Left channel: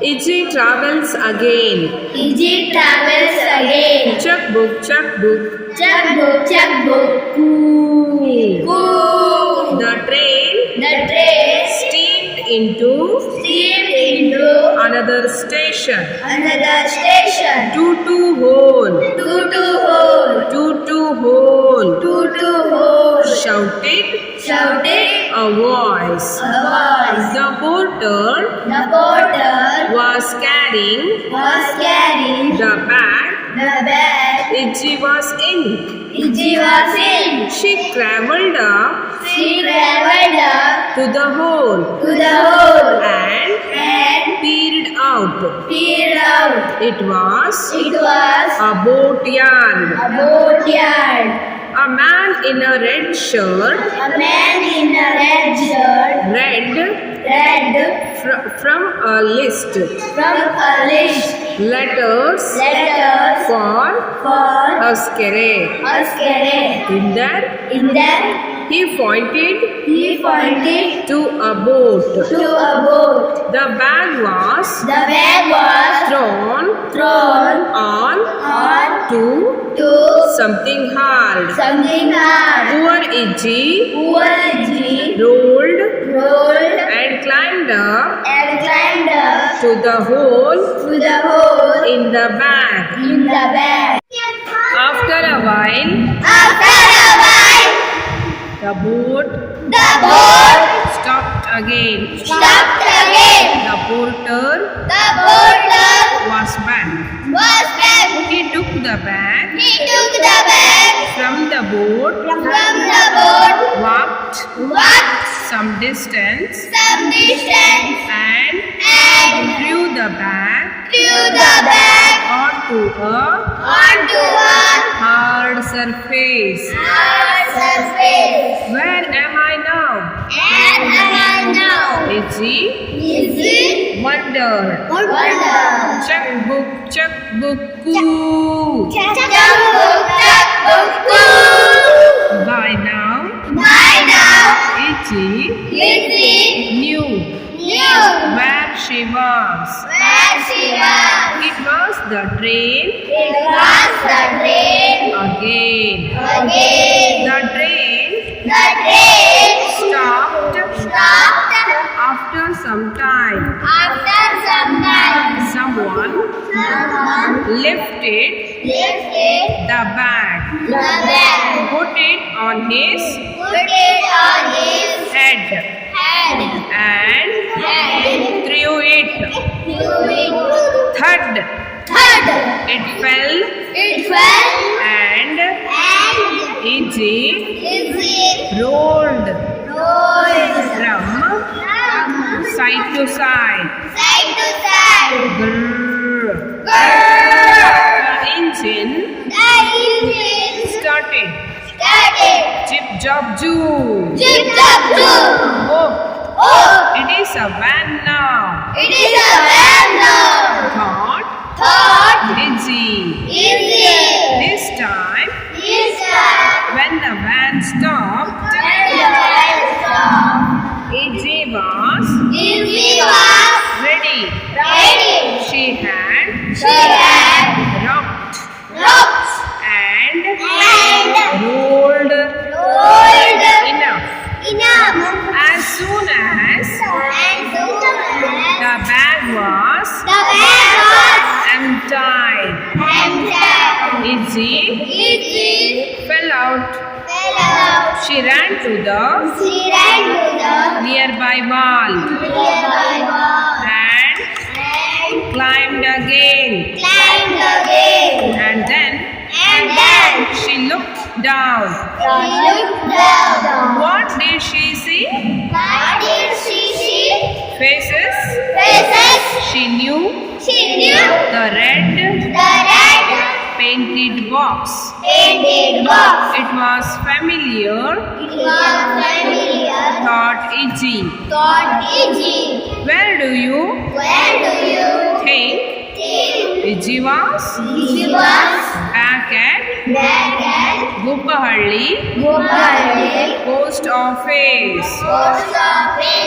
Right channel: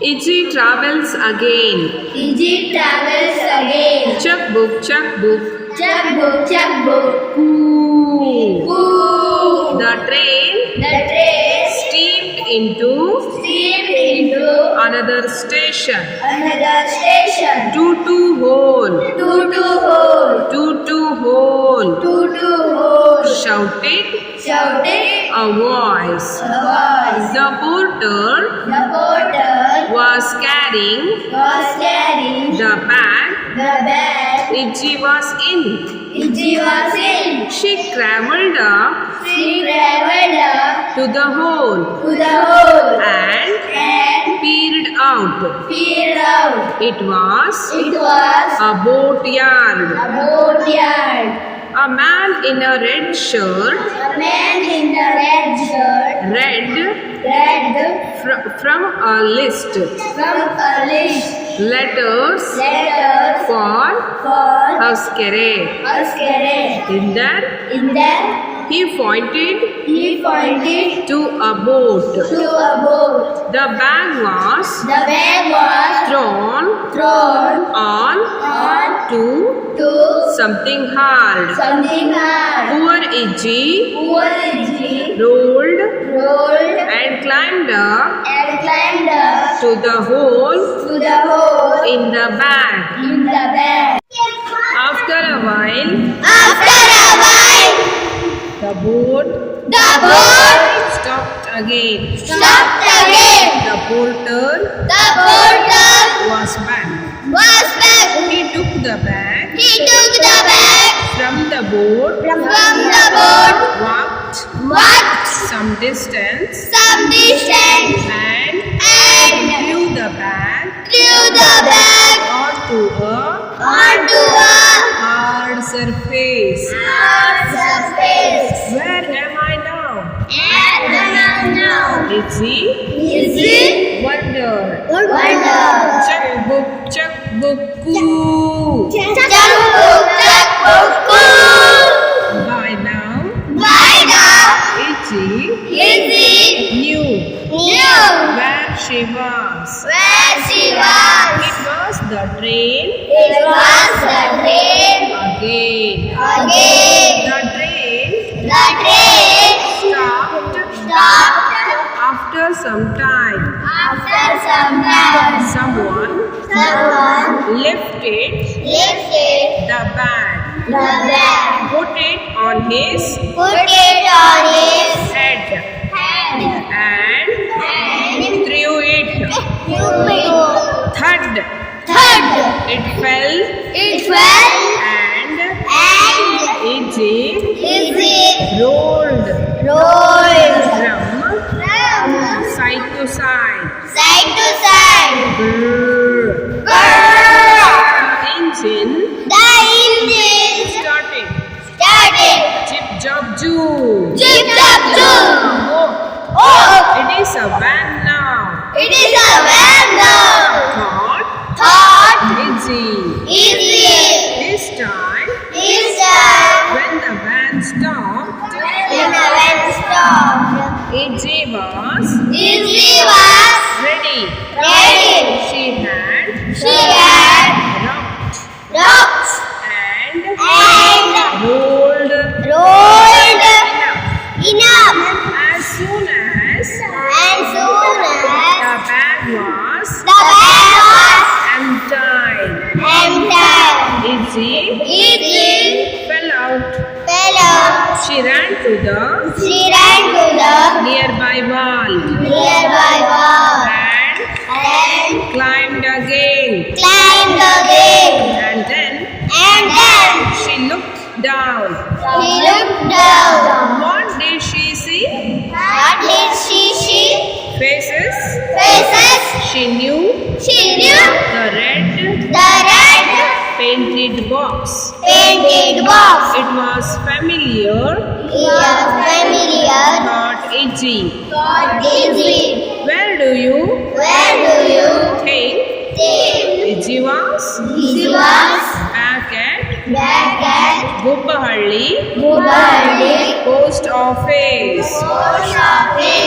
Iggy travels again. Iggy travels again. Chuck book, chuck book. Checkbook, checkbook. Coo. Coo. The train The train steamed into steamed into another station. another station. Tutu hole. Tutu hole. Tutu hole. Tutu hole. Shouted Shouted a voice. a voice. The porter The porter was carrying was carrying the bag the bag Iggy was in. Iggy was in. She crawled up She traveled up to the hole to the hole and peered out. peered out. It was It was a boatyard. a boatyard. A man in a red shirt A man in a red shirt read read from a list from a list letters letters for for Huskere. Huskere. In that, In that he pointed he pointed to a boat. to a boat. The bag was The bag was thrown on to something hard. something hard. Poor Iggy Poor Iggy rolled rolled and climbed up and climbed up to the hole to the hole in the bag. in the bag. After a while, After a while, the boat the boat stopped again. stopped again. The porter The porter was back. was back. He took the bag He took the bag from the boat, from the boat, walked some distance, some distance, and and threw the bag threw the bag onto a onto a hard surface. hard surface. Where am I now? And now, Iggy Iggy wondered. wonder. Checkbook, coo. Checkbook, checkbook, cool. By now, By now, Iggy Iggy knew knew where she was. where she was. It was the train It was the train again. again. The train The train stopped stopped after some time. after some time. Someone Someone lifted lifted the bag, the bag, put it on his put it on his head, head, and and threw it. threw it. Thud, it fell, It fell and and Iggy Iggy rolled rolled from from side to side. side to side. Brrr. Brrr. The engine The engine started. started. Chip job joo. Chip chop choo. Oh, Oh, it is a van now. it is a van now. Thought Iggy. Easy. This time, This time, when the van stopped, when the van stopped, Iggy was Easy was ready. ready. She had She had rocked ropes and and rolled rolled enough. enough. As soon as And soon the as bag was the bag was untied, empty, Iggy Iggy fell out. fell out. She ran to the She ran to the nearby wall nearby wall and and climbed again. climbed again. And then She looked down. He looked down. What did she see? What did she see? Faces. Faces. She knew She knew the red the red painted box. painted box. It was familiar, It was familiar. thought Iggy. Thought easy. Where do you Where do you think think Iggy was? she was? Back at Back at Guppahalli Gopaldi Post Office. Post Office.